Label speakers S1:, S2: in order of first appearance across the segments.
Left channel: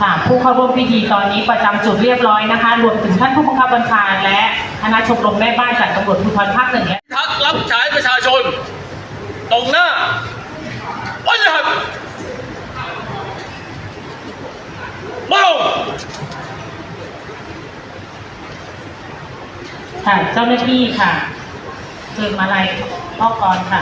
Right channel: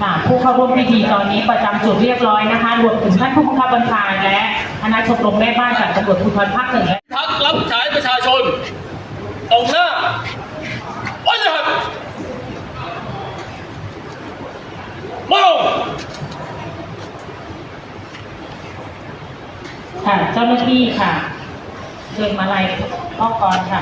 S1: ค่ะผู้เข้าร่วมพิธีตอนนี้ประจำจุดเรียบร้อยนะคะรวมถึงท่านผู้บังคับบัญชาและคณะชมรมแม่บ้านจากตำรวจภูธรภาคหนึ่งและ
S2: พักรับใช้ประชาชน ตรงหน้าวันหัดมาลง
S1: ค่ะเจ้าหน้าที่ค่ะเชิญมาลัยพ่อกรค่ะ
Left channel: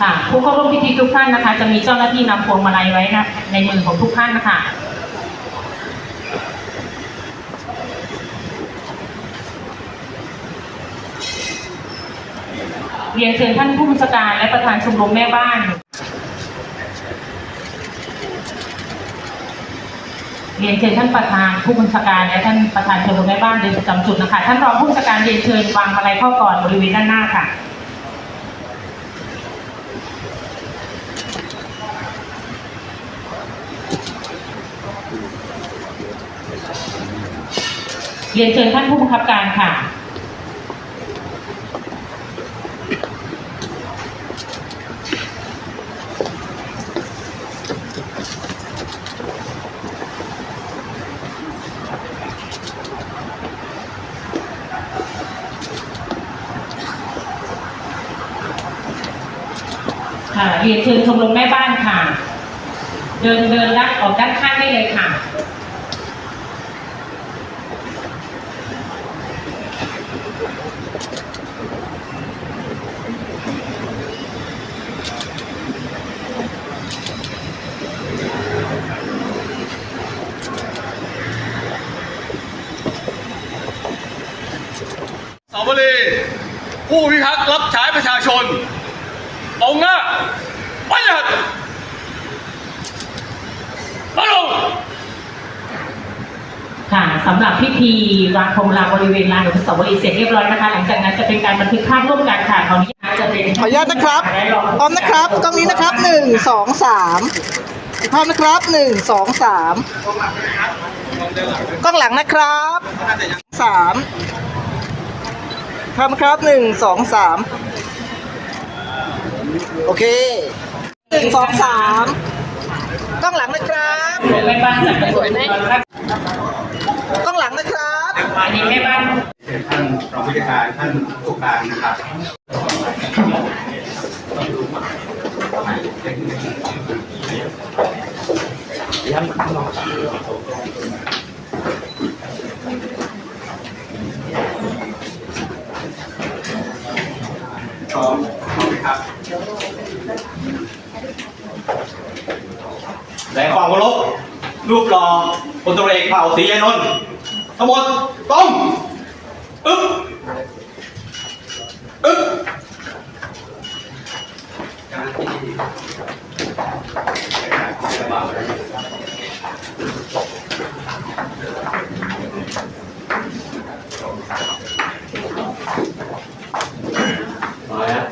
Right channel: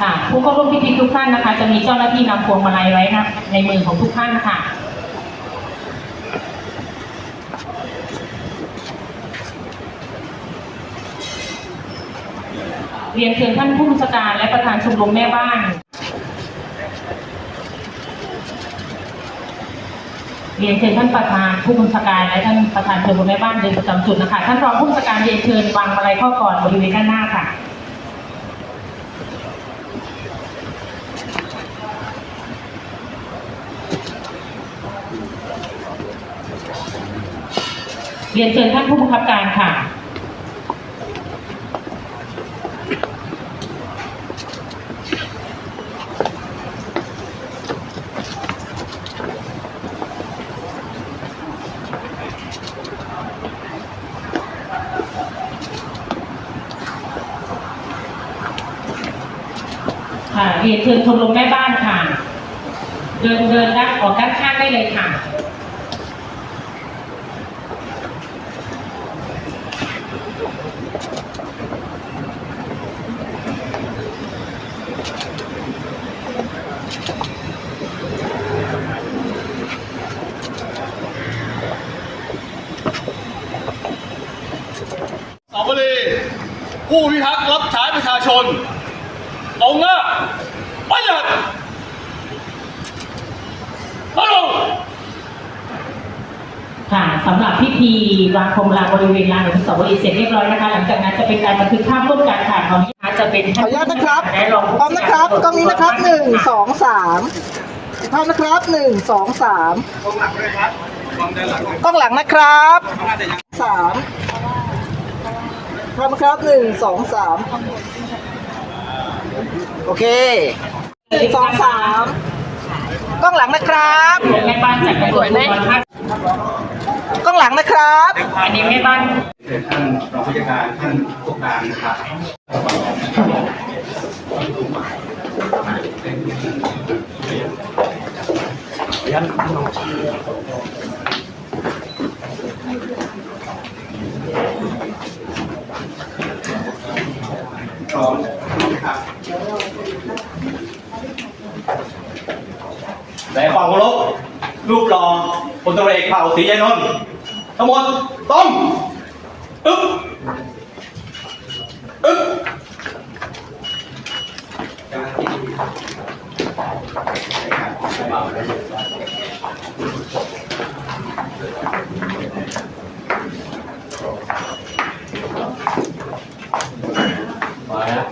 S1: ค่ะผู้เข้าร่วมพิธีทุกท่านนะคะ จะมีเจ้าหน้าที่นำพวงมาลัยไว้นะในมือของทุกท่านนะคะเรียนเชิญท่านผู้บัญชาการและประธานชมรมแม่บ้าน เรียนเชิญท่านประธานผู้บัญชาการและท่านประธานชมรมแม่บ้านเดินประจำจุดนะคะ ท่านรองผู้บัญชาการเรียนเชิญวางมาลัยข้อก่อนบริเวณด้านหน้าค่ะ เรียนเชิญท่านผู้บังคับการค่ะ ค่ะ เรียนเชิญชมรมแม่บ้านค่ะ เดินเดินด้านออกด้านข้างได้เลยค่ะ
S2: สาวรี ผู้พิทักษ์รับใช้ประชาชนตรงหน้าวันหัดมาลง
S1: ค่ะสำหรับพิธีวางพวงมาลาบริเวณลานอนุสาวรีย์เสร็จเรียบร้อยนะคะหลังจากนั้นจะเป็นการบันทึกภาพร่วมกันค่ะตอนนี้นะคะจะเป็น
S3: ขออนุญาตนะครับ
S1: และรอง
S3: พร้อมนะครับกล้องนี้นะครับหนึ่งสองสามอีกภาพนะครับหนึ่งสองสามกล้องหลังด้วยครับกล้องหลังนะครับสาม ภาพนะครับหนึ่งสองสามโอเคหนึ่งสองสามกล้องหลังนะครับ
S1: แม่บ้านจากตำรวจภูธรภาค
S3: กล้องหลังนะครับ
S1: อันนี้แม่บ้าน
S4: เชิญท่านรองผู้จัดการท่านผู้การนะครับพร้อมพร้อมไหมครับในความเคารพ รูปรองพลตำรวจเอกเผ่าศรียานนท์ทั้งหมดต้องอึ๊บอึ๊บมาแล้ว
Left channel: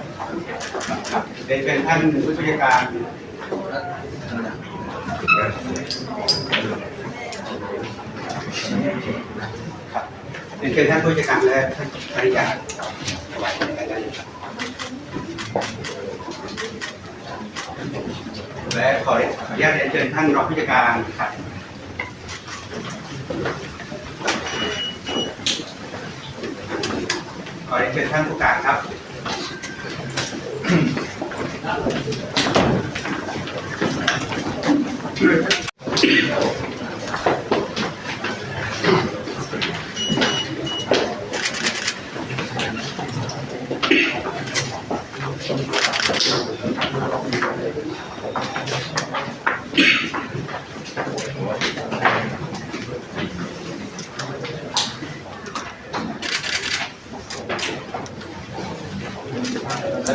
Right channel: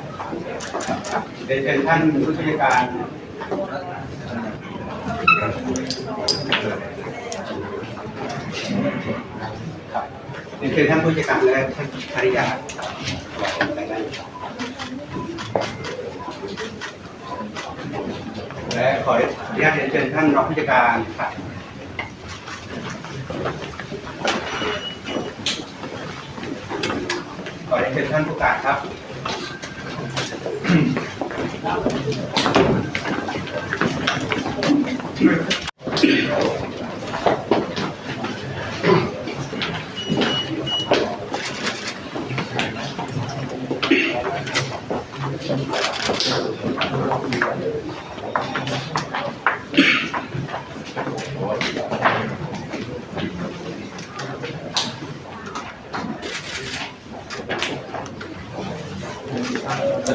S4: เรียนเชิญท่านผู้ช่วยการ เรียนเชิญท่านผู้จัดการและท่านภริยาและขออนุญาตเรียนเชิญท่านรองผู้จัดการครับขอเรียนเชิญท่านผู้การครับ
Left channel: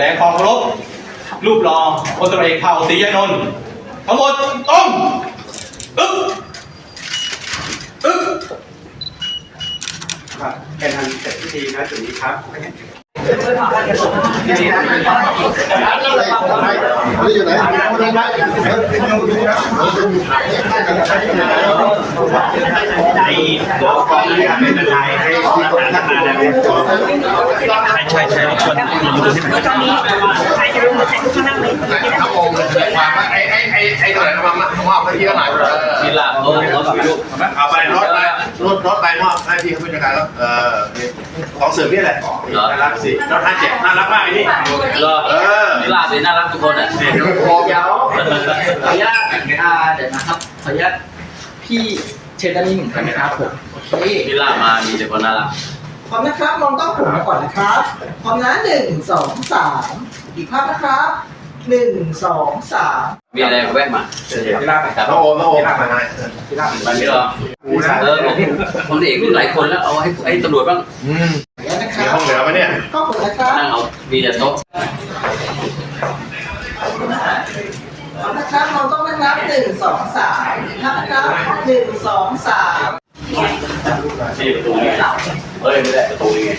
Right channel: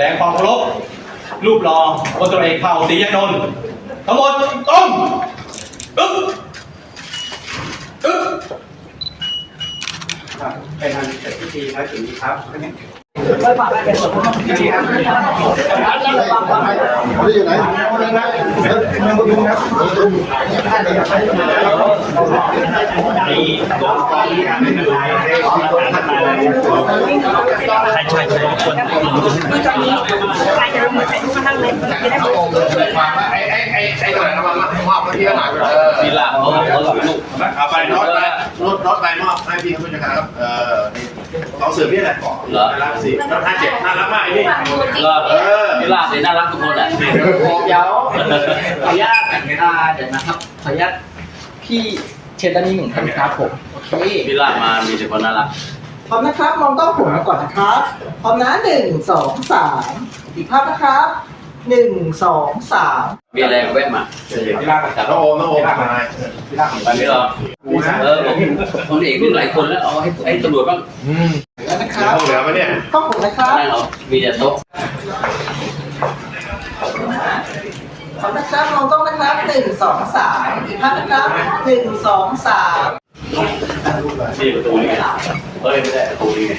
S4: ดงความเคารพรูปรอพลตรเอกเผ่าตียานนท์ทั้งหมดต้มอึ๊บอึ๊บครับแค่นั้นเสร็จพิธีครับถึงนะจุดนี้ครับ
S5: ไอ้ไอ้ไอ้ไอ้ตัวไหนเอามามอบให้พี่เขาหน่อยเออ
S4: มีลาบเขาเขาถ่ายรูป
S5: เอาไปรถ พี่เขาเป็นจัดการแล้วเออลองเสิร์ฟพี่แหละน่ารักสิรถห้าเจ็ดน่ารักมากไอ้นี่
S4: เหรอ
S5: เออ
S4: มีลาบสิน่ารักทุกคนอะ
S5: เดี๋ยวโคม
S3: เดี๋ยวขออนุญาตอ่าเดี๋ยวนะครับขออนุญาตพี่เชนด้านนี้เหมือนกันนะครับผมโอเค
S4: มีลาบมามีแต่คนน่ารัก
S3: พร้อมนะครับ มองต้องผมมาก่อนนะครับ พร้อมนะหนึ่งสองสามอีกภาพนะครับ หนึ่งสองสาม
S4: มีอะไรแวะมา
S5: พี่ลากน้องโอมน้องโอมมาให้
S4: ไปไม่รอเออผมผมเอกมีหลายคนแล้วเอาให้ให้ตำรวจบ้าง
S3: แล้วนะค
S5: มี
S3: รับ
S5: ห้องเหลือปะเนี่ย
S3: ข้อผมนะครับ
S4: นั่งเอามีแต่โต๊ะ
S3: พร้อมนะครับมองต้องนะครับหนึ่งสองสามอีกภาพนะครับหนึ่งสองสาม
S4: นี่ประตูนี่เฮ้ยไม่ได้ประตูนี่ไง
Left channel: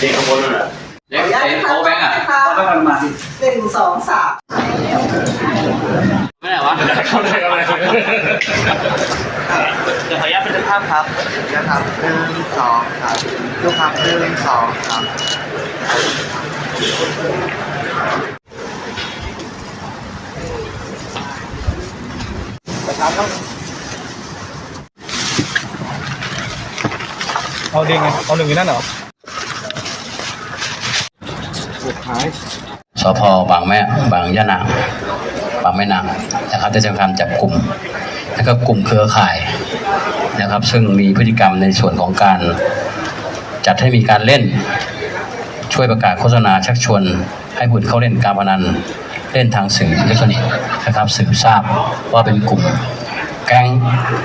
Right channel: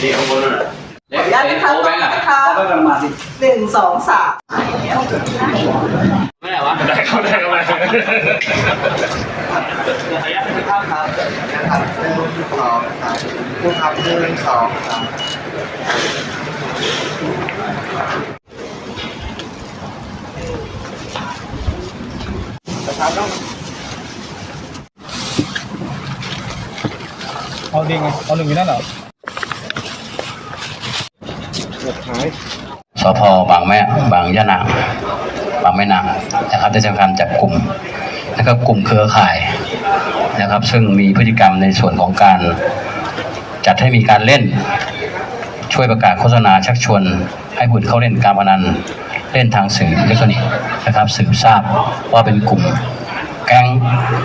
S4: นี่ข้างบนนั่นน่ะ
S3: ขออนุญาตนะครับ
S4: โอ้
S3: ม
S4: แบ
S3: อง
S4: งค์อะ
S3: นะครับหนึ่งสองสาม
S4: ไม่ได้วะ
S2: เขาได้กำไร
S6: เดี๋ยวขออนุญาตเป็นภาพครับนะครับหนึ่งสองสามดูครับหนึ่งสองสาม
S2: เอาดิงเอาหนึ่งอยู่นั่นเหรอ
S7: สพบางแม่บางยะนางบางแม่นางนะครับได้ทำการจับกลุ่มนะครับกลุ่มเครือข่ายนะครับ ซึ่งมีพฤติกรรมในส่วนของการจัดให้มีการเล่น ช่วยประกาศโฆษณาชักชวน ให้บุตรเข้าเล่นการพนันเล่นทางสื่ออิเล็กทรอนิกส์นะครับสืบทราบว่าเป็นกลุ่ม แก๊ง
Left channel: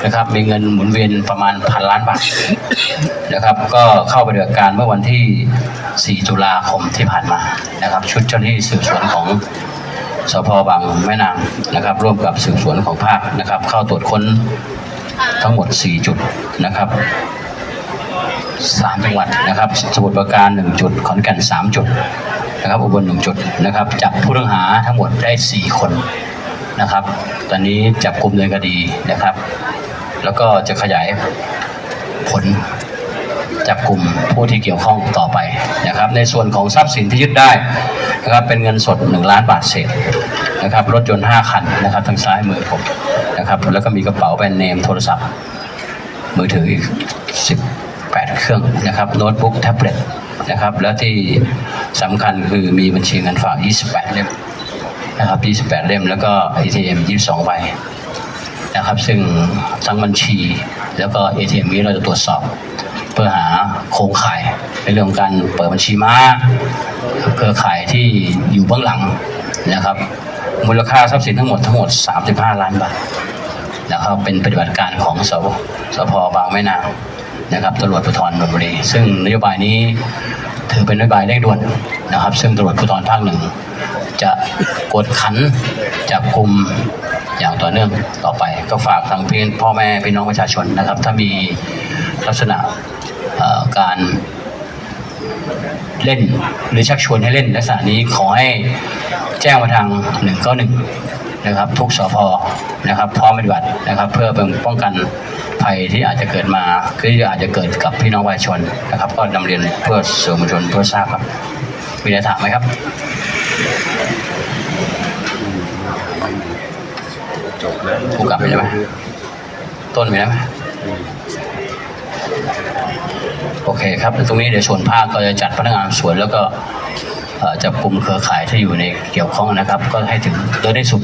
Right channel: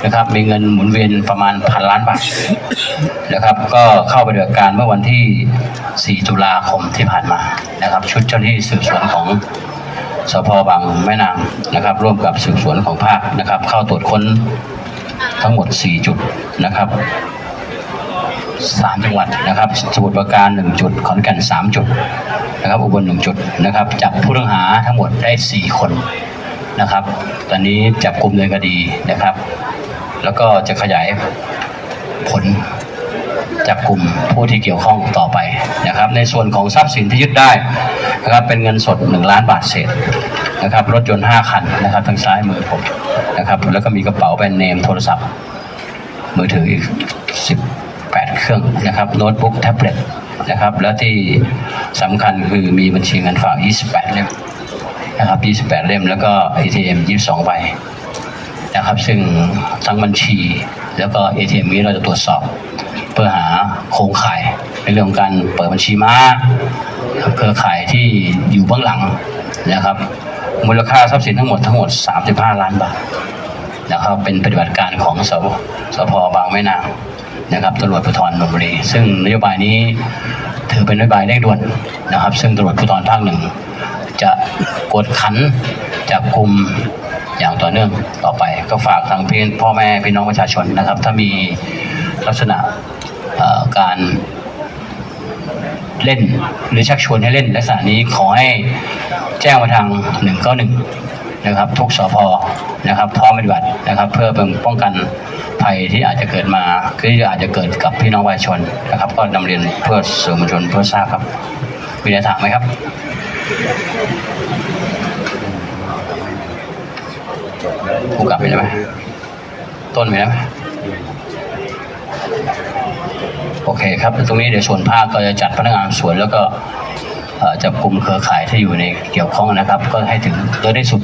S7: นะครับมีเงินหมุนเวียนประมาณพันล้านบาทนะครับ ก็เข้าไปปฏิบัติการเมื่อวันที่ 4 ตุลาคมที่ผ่านมานะครับ ชุดเจ้าหน้าที่สืบสวนของสพบางแม่นางนะครับ ร่วมกับสืบสวนของภาคนะครับ เข้าตรวจค้นทั้งหมด 4 จุดนะครับสามจังหวัดนะครับสมุทรปราการ 1 จุด ขอนแก่น 3 จุดนะครับอุบล1จุดนะครับจับผู้ต้องหาทั้งหมดได้ 4 คน นะครับ ตอนนี้จับกลุ่มในคดีนะครับ แล้วก็จะขยายผลจับกลุ่มผู้ที่เกี่ยวข้องต่อไปนะครับ ในส่วนของทรัพย์สินที่ยึดได้นะครับเป็นเงินสด 1 ล้านบาทเศษนะครับ รถยนต์ 5 คันนะครับทางซ้ายมือผมนะครับ แล้วก็มีกระเป๋าแบรนด์เนมโทรศัพท์ มือถืออีก 18 เครื่องนะครับโน้ตบุ๊กแท็บเล็ตนะครับ แล้วที่สำคัญคือมีบัญชีเงินฝาก 28 เล่ม นะครับ 28 เล่ม แล้วก็ ATM 22 ใบนะครับ ซึ่งทั้งบัญชี แล้วก็ ATM นี้เราจะตรวจสอบ เพื่อหาโครงข่าย ในเรื่องของการเปิดบัญชีม้าเครือข่ายที่อยู่เบื้องหลังนะครับ มูลค่าทรัพย์สินทั้งหมดทั้งหมด 35 ล้านบาทนะครับ เป็นปฏิบัติการของสพสพบางแม่นางนะครับตำรวจภูธรนนทบุรี ซึ่งนโยบายนี้ถือเป็นนโยบายเร่งด่วนนะครับ ซึ่งตำรวจภูธรภาคหนึ่ง จะกวดขันจับกลุ่มอย่างต่อเนื่องต่อไป ก็ฝากทางพี่พ่อแม่พี่น้องประชาชนนะครับ ถ้ามีลักษณะการเล่นหรือชักชวนให้เล่นลักษณะนี้ขอให้แจ้งมาทาง 191 นะครับ ทุกสพนะครับ พร้อมปฏิบัตินะครับ เพื่อป้องกันภัยที่อาจจะเกิดมาที่อาจจะเกิดกับพี่น้องประชาชนนะครับ ก็นำเรียนเพื่อสื่อมวลชนเพื่อทราบครับ มีอะไรถามไหมครับ ผมกลับไปใช่ไหมต้นไหมโอเคครับตรงนี้เดี๋ยวส่วนภาคก็จะจัดพนักงานสวนแล้วก็จับกลุ่มเครือข่ายที่อยู่ในเกี่ยวข้องนะครับ ก็ให้ถึงโดยที่สุด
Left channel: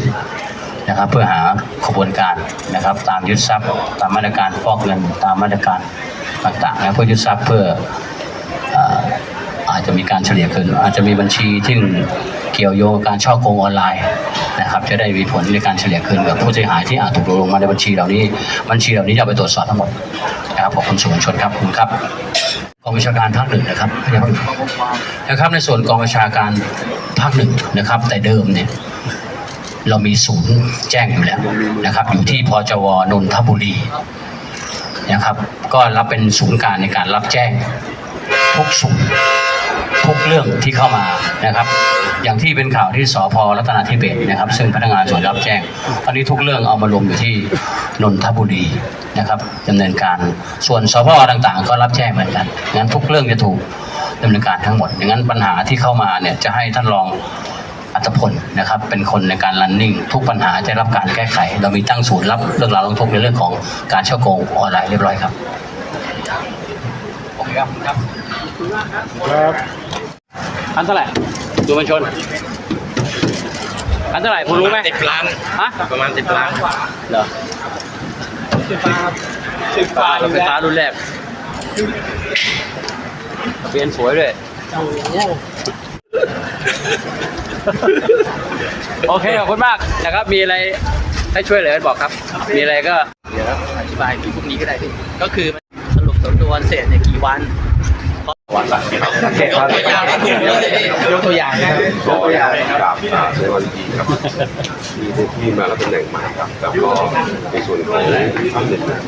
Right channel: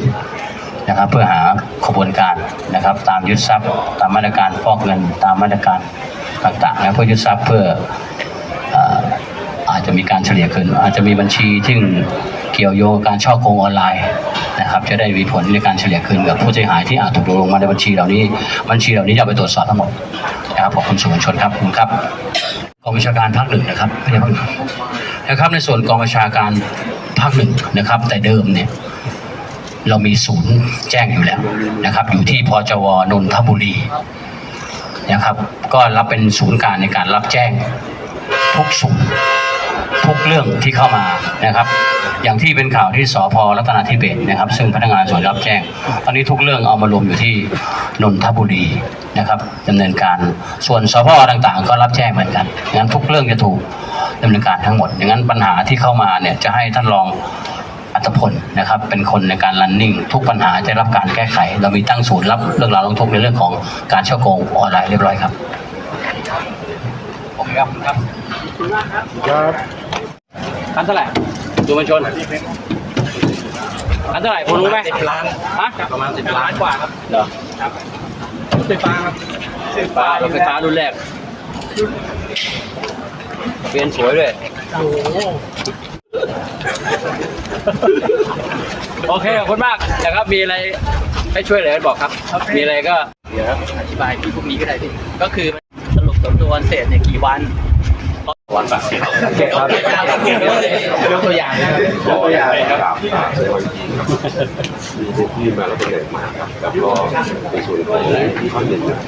S7: นะครับ เพื่อหาขบวนการนะครับ ตามยึดทรัพย์ ตามมาตรการฟอกเงินตามมาตรการต่างๆนะเพื่อยึดทรัพย์เพื่อออาจจะมีการเฉลี่ยเกินอาจจะมีบัญชีที่ เกี่ยวโยงกับการช่อโกงออนไลน์นะครับ จะได้มีผลในการเฉลี่ยคืนกับผู้เสียหายที่อาจถูกลงมาในบัญชีเหล่านี้ บัญชีเหล่านี้จะเอาไปตรวจสอบทั้งหมดนะครับขอบคุณสื่อมวลชนครับคุณครับกองบัญชาการภาคหนึ่งนะครับไม่ใช่ภานนะครับในส่วนกองบัญชาการภาคหนึ่งนะครับ แต่เดิมเนี่ยเรามีศูนย์แจ้งอยู่แล้วนะครับ อยู่ที่พจวนนทบุรีนะครับ ก็รับเป็นศูนย์การในการรับแจ้งทุกศูนย์ ทุกเรื่องที่เข้ามานะครับ อย่างที่เป็นข่าวที่สพรัตนาธิเบศนะครับ ซึ่งพนักงานสวนรับแจ้ง ตอนนี้ทุกเรื่องเอามารวมอยู่ที่นนทบุรีนะครับดำเนินการส่วนสพต่างๆ ก็รับแจ้งเหมือนกันงั้นทุกเรื่องจะถูกดำเนินการทั้งหมดอย่างนั้นปัญหาที่เข้ามาเนี่ยจะให้ท่านรองอัตพลนะครับเป็นคนในการรันนิ่งทุกปัญหาจะรับการแก้ไข เรามีตั้งศูนย์รับเรื่องราวร้องทุกข์ในเรื่องของการเช่าโกงออนไลน์เรียบร้อยครับ โอเคครับครับพันเท่าไหร่ดูมันชนพันเท่าไหร่พอรู้ไหม
S6: สิบล้าน
S7: ฮะ
S6: ประมาณสิบล้านกว่าครับ
S7: เหรอ
S6: ไฟฟ้าครับไฟฟ้า
S7: ไฟฟ้ารุ่นแรกเปลี่ยนสวยด้วยโอเคขอบคุณมากนะครับมีอะไรให้ช่วยเหลือบอกครับ มีอะไรก็เดี๋ยวอธิบายที่พวกนี้ก็ได้พี่ก็คือสรุปสำนวนเสร็จใน กี่วันวันละสิบโอเคครับยกตัวอย่างยกตัวอย่างนะครับ
S8: ขอนะครับอ่าในวันดีครับมีผู้ที่มารับตำแหน่งใหม่ครับแล้วก็ในส่วนของท่านหนึ่งนะ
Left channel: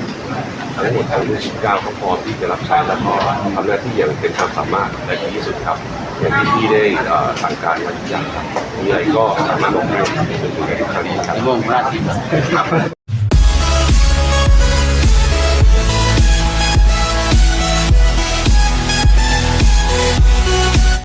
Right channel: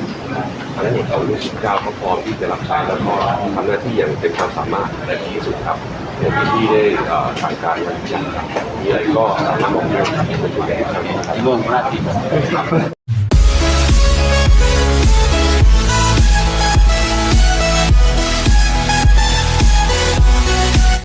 S8: ทั้งหมดทั้ง19ก็พร้อมที่จะรับใช้แล้วก็ทำหน้าที่อย่างเป็นความสามารถและดีที่สุดครับอย่างที่ได้เอ่อสั่งการไว้ครับมีอะไรก็สามารถบอกได้เป็นตัวแทนครับ
S7: มุ่งหน้าที่
S8: ครับ